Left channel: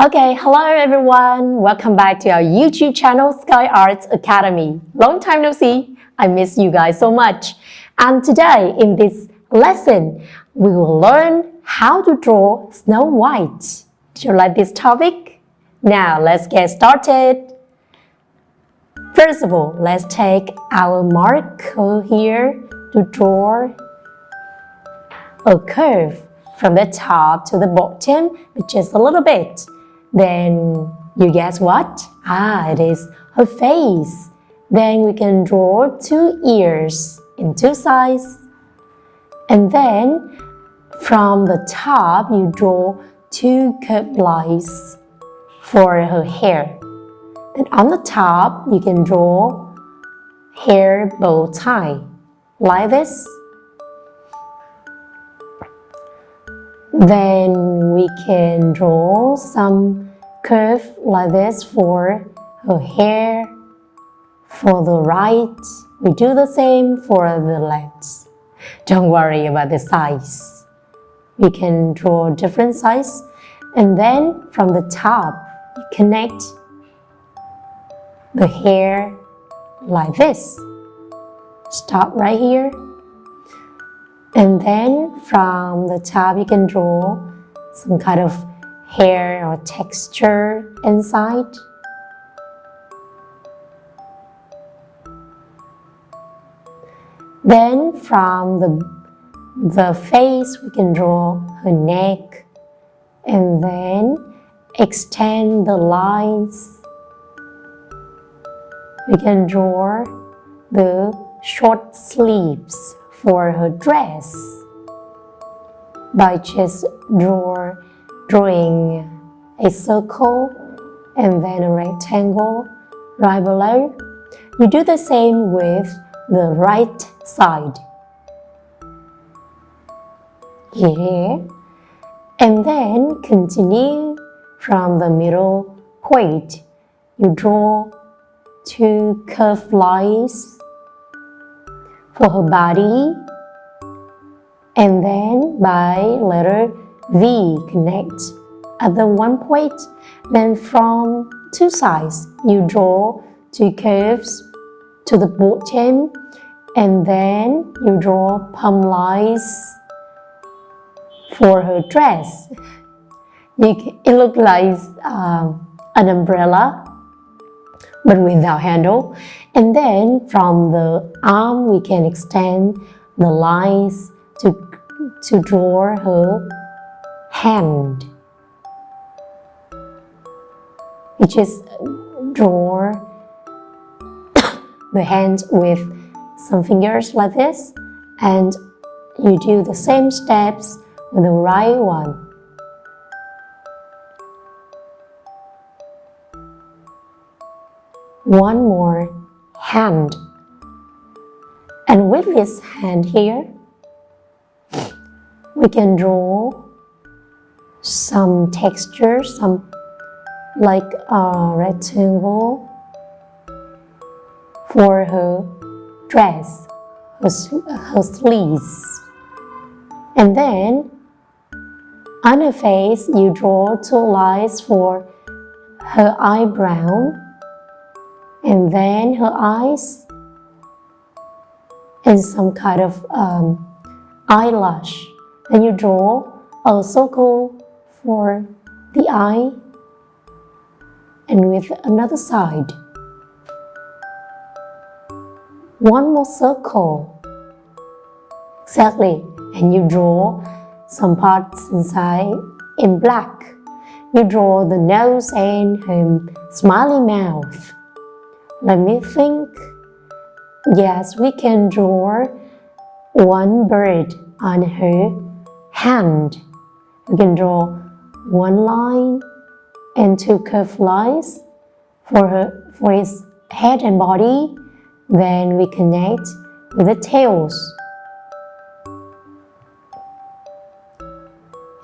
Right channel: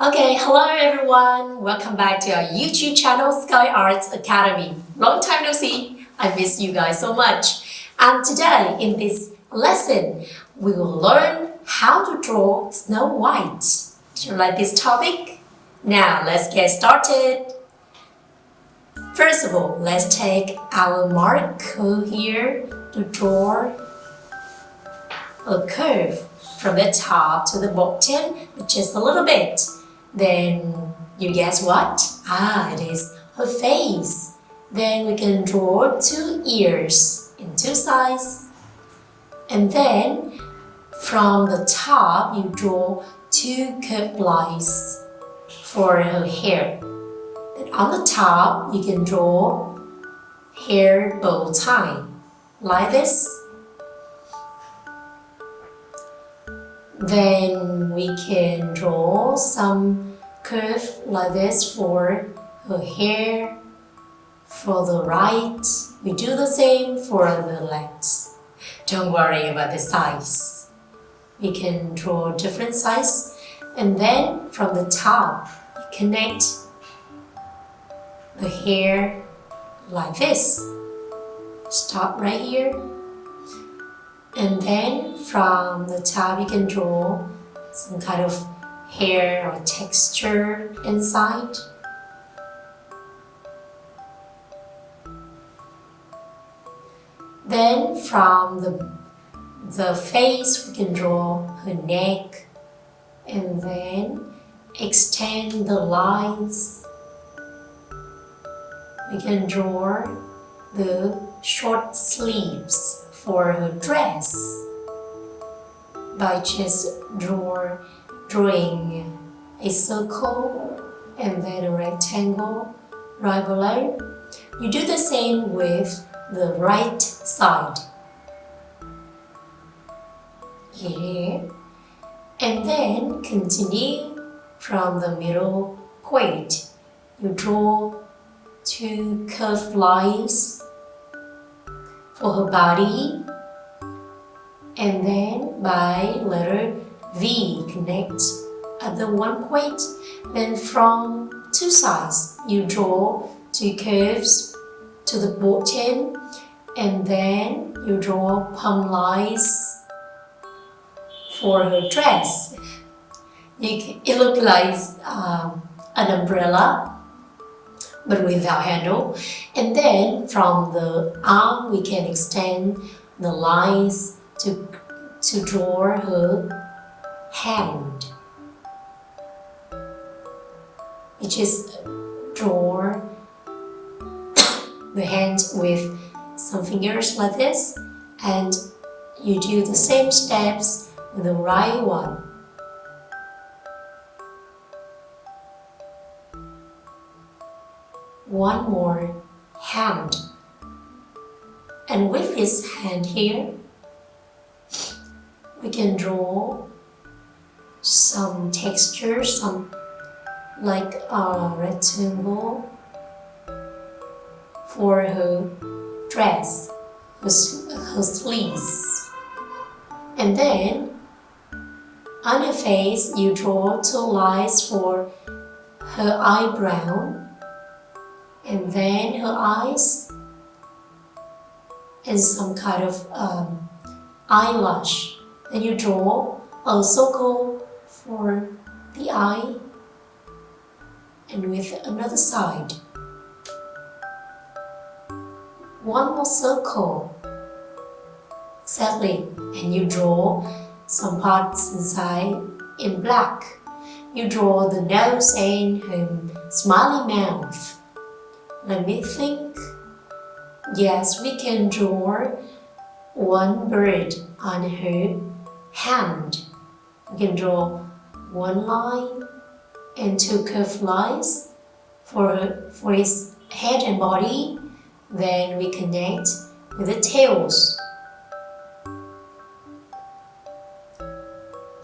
Okay, hello everyone. Welcome back to our YouTube channel, Sky Arts Academy. Long time no see. I miss you guys so much. And today in this lesson, we will learn how to draw Snow White. Do you like this topic? Now let's get started. First of all, let's take our marker here to draw a curve from the top to the bottom with just a little bit. Then you guess what? It is her face. Then we can draw two ears in two sides. And then from the top you draw two curved lines for her hair. And on the top you can draw hair bow tie like this. Then we can draw some curve like this for her hair. For the right, we do the same for the left. Don't worry about the size. We can draw different size, and then from the top, we connect the hair like this. Stop right here. And then from the top you can draw some kind of hair or texture inside. Then from the face we can draw her neck and then extend the lines. We can draw the short sleeves for her dress by just drawing a circle and then a rectangle right below. We do the same with the right side here, and then continue from the middle point. You draw two curved lines for her body, and then by letter V connect at the one point. Then from two sides you draw two curves to the bottom, and then you draw palm lines for her dress. It looks like an umbrella but without handle. And then from the arm we can extend the lines to draw her hand. You just draw the hand with some fingers like this, and you do the same steps with the right one. One more hand, and with this hand here we can draw some texture, some like a rectangle for her dress, her sleeves. And then on her face you draw two lines for her eyebrow, and then her eyes, and some kind of eyelash. Then you draw a circle for the eye, and with another side. One more circle. Exactly. And you draw some parts inside in black. You draw the nose and her smiley mouth. Let me think. Yes, we can draw one bird on her hand. We can draw one line and two curved lines for his head and body. Then we connect with the tails.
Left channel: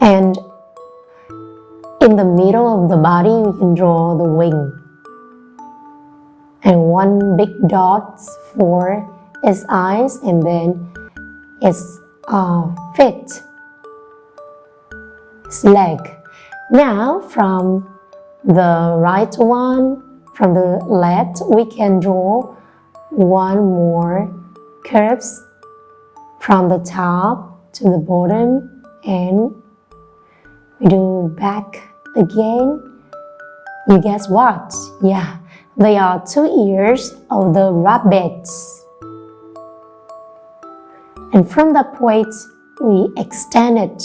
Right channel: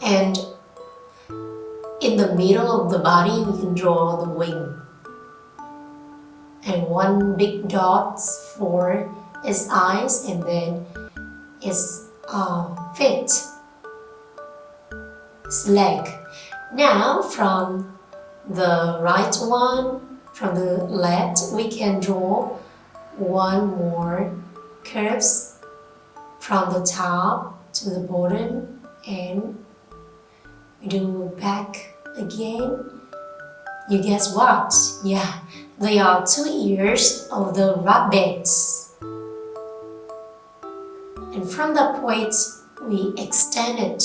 And in the middle of the body we can draw the wing. And one big dot for its eyes, and then its feet, its leg. Now from the right one, from the left, we can draw one more curves from the top to the bottom, and we do back again. You guess what? Yeah, they are two ears of the rabbits. And from that point, we extend it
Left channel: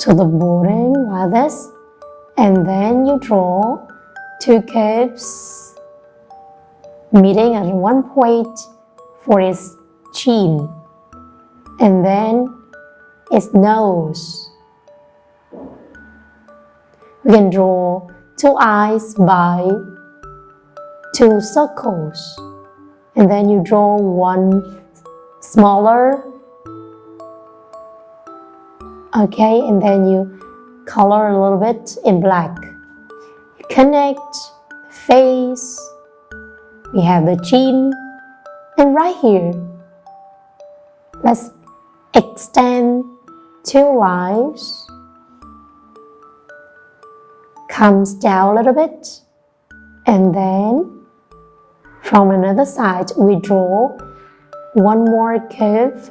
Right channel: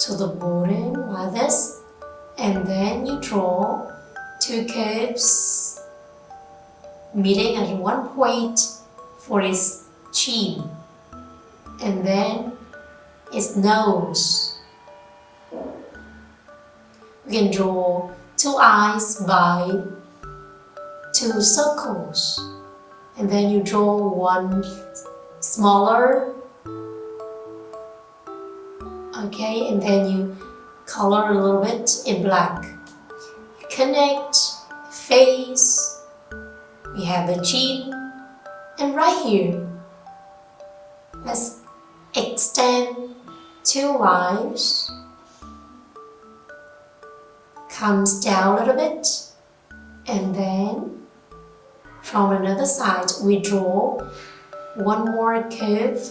to the bottom like this, and then you draw two curves meeting at one point for its chin, and then its nose. We can draw two eyes by two circles, and then you draw one smaller, okay, and then you color a little bit in black. You connect the face, we have the chin, and right here, let's extend two eyes, comes down a little bit, and then from another side we draw one more curve,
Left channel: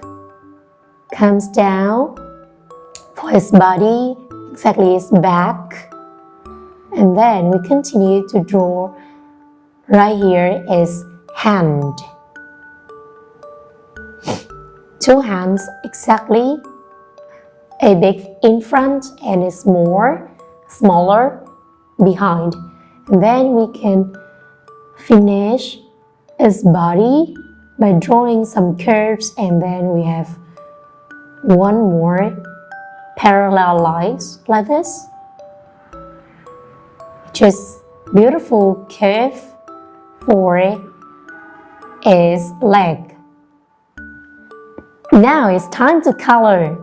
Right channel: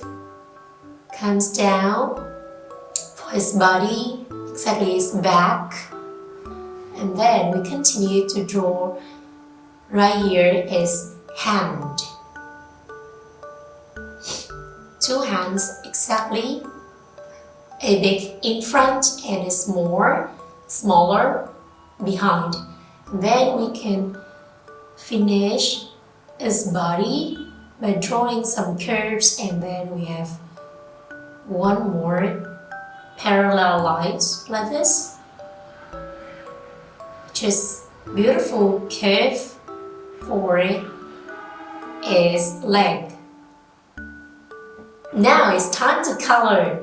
comes down for his body, exactly his back, and then we continue to draw. Right here is hand, two hands exactly, a big in front and a smaller behind, and then we can finish his body by drawing some curves, and then we have one more parallel lines like this, just beautiful curve for his leg. Now it's time to color.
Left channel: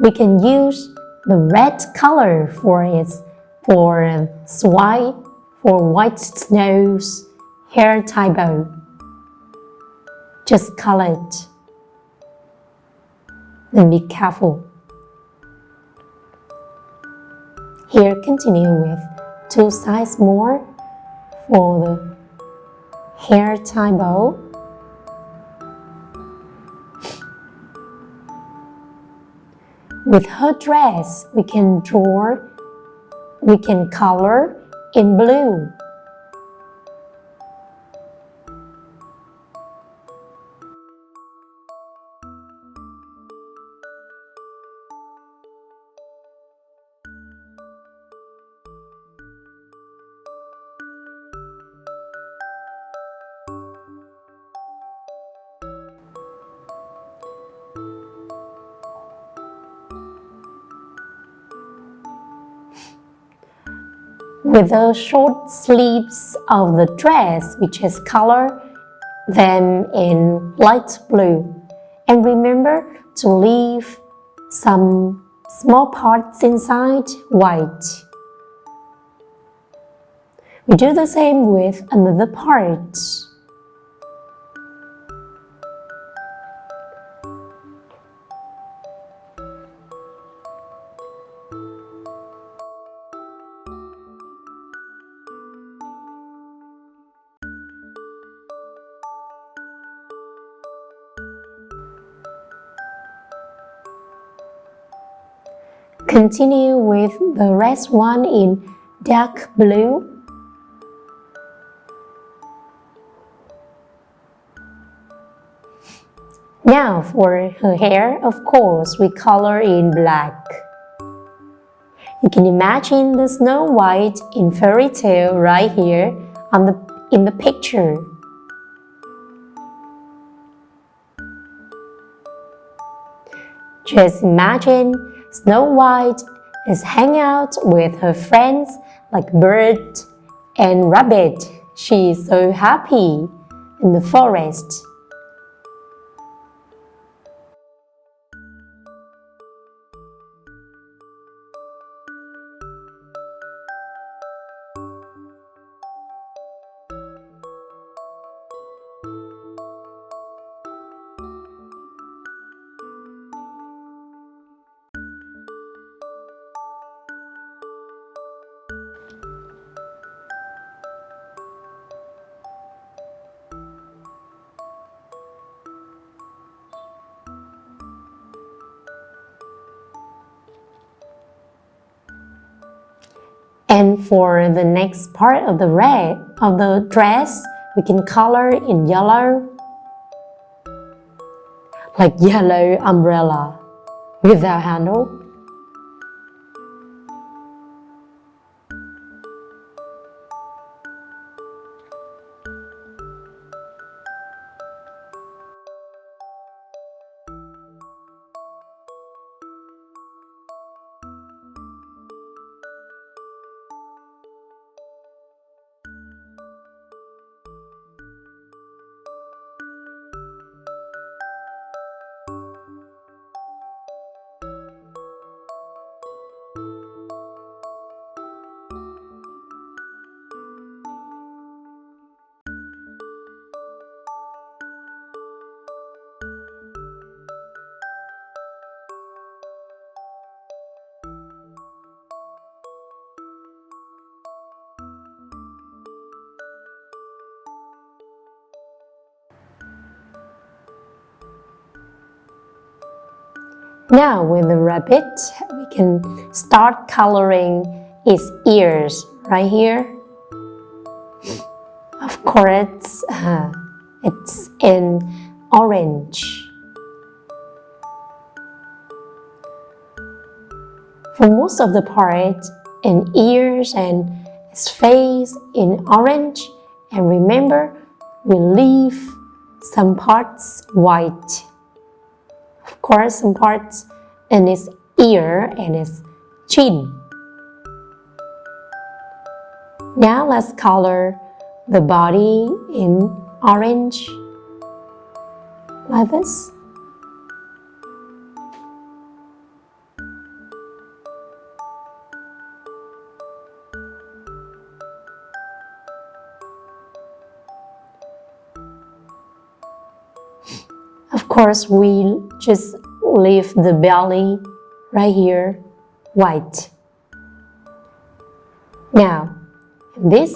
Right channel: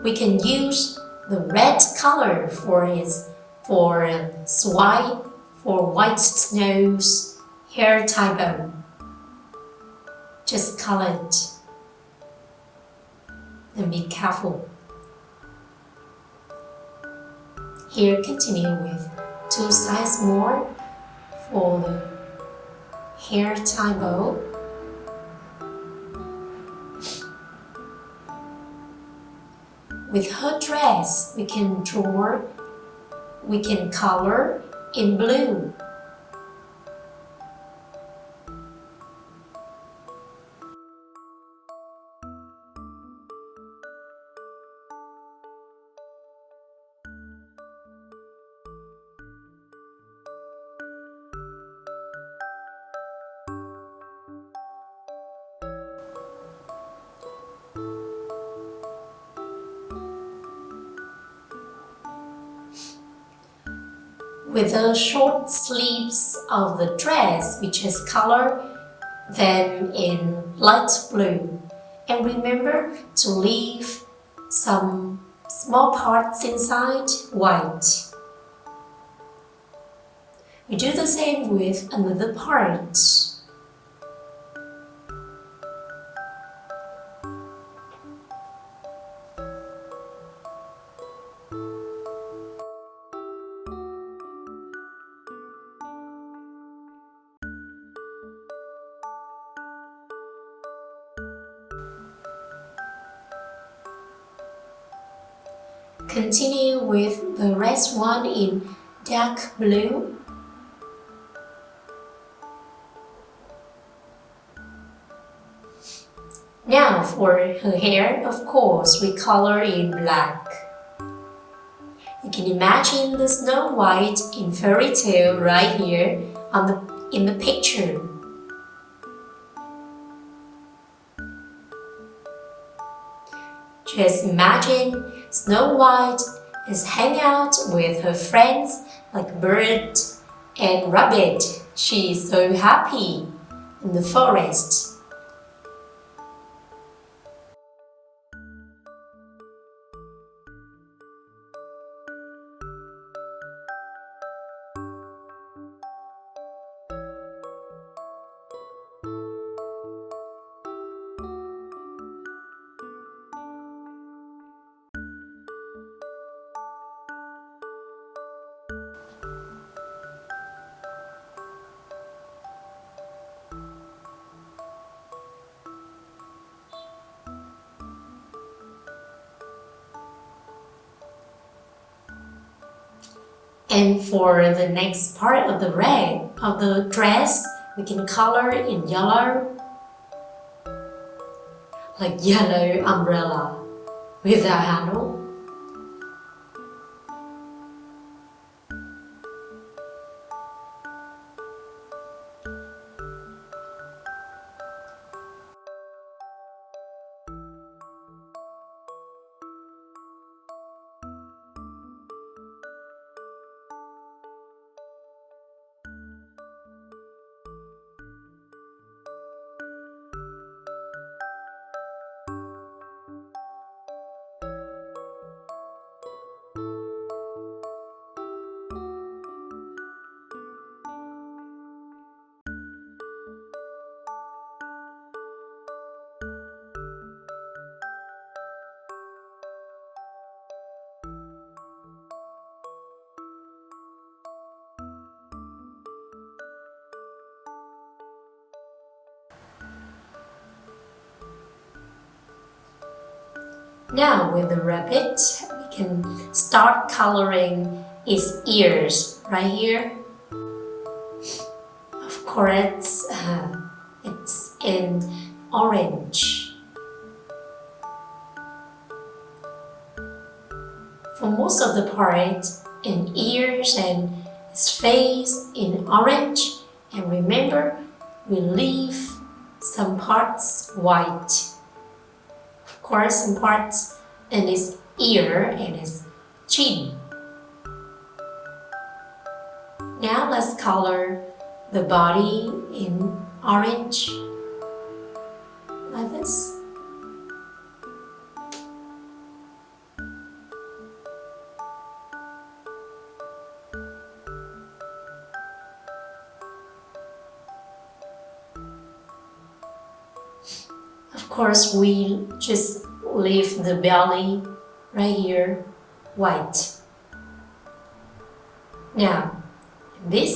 We can use the red color for white snow's hair tie bow. Just color it. And be careful. Here, continue with two sides more for the hair tie bow. With her dress, we can color in blue. With the short sleeves of the dress, we just color them in light blue. And remember to leave some small parts inside white. We do the same with another part. Continue with the rest one in dark blue. Now for her hair, of course, we color in black. You can imagine the Snow White in fairy tale right here in the picture. Just imagine Snow White is hanging out with her friends like bird and rabbit. She is so happy in the forest. And for the next part of the red of the dress, we can color in yellow, like yellow umbrella without handle. Now with the rabbit, we can start coloring its ears right here. Of course, it's in orange. For most of the part, in ears and its face in orange, and remember, we leave some parts white. Of course, some parts in its ear and its chin. Now let's color the body in orange, like this. Of course, we just leave the belly right here white. Now, this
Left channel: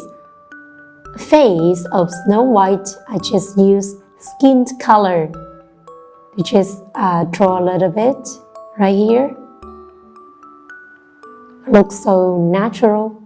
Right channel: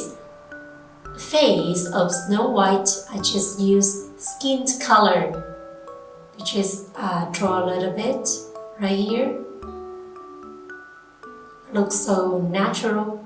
face of Snow White, I just use skin color to just draw a little bit right here. Looks so natural.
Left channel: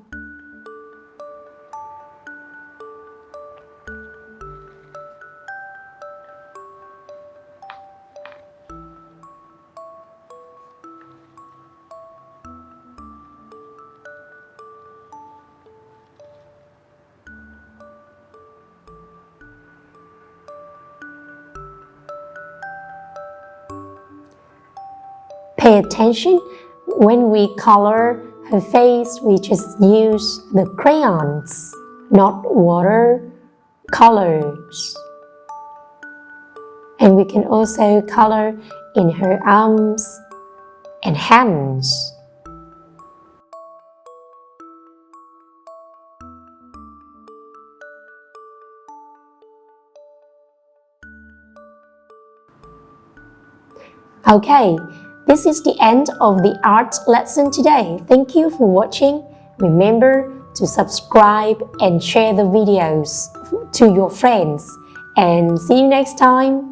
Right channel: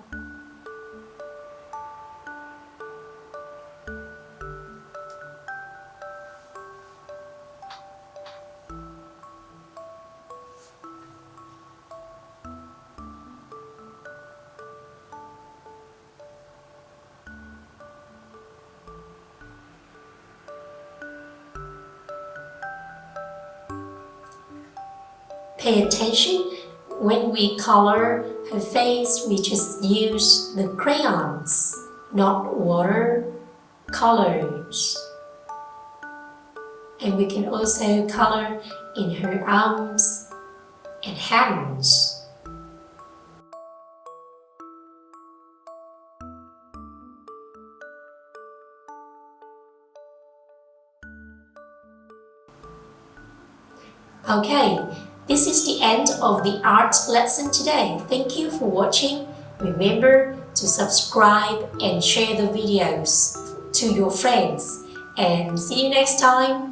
Pay attention, when we color her face, we just use the crayons, not water colors. And we can also color in her arms and hands. Okay, this is the end of the art lesson today. Thank you for watching. Remember to subscribe and share the videos to your friends. And see you next time.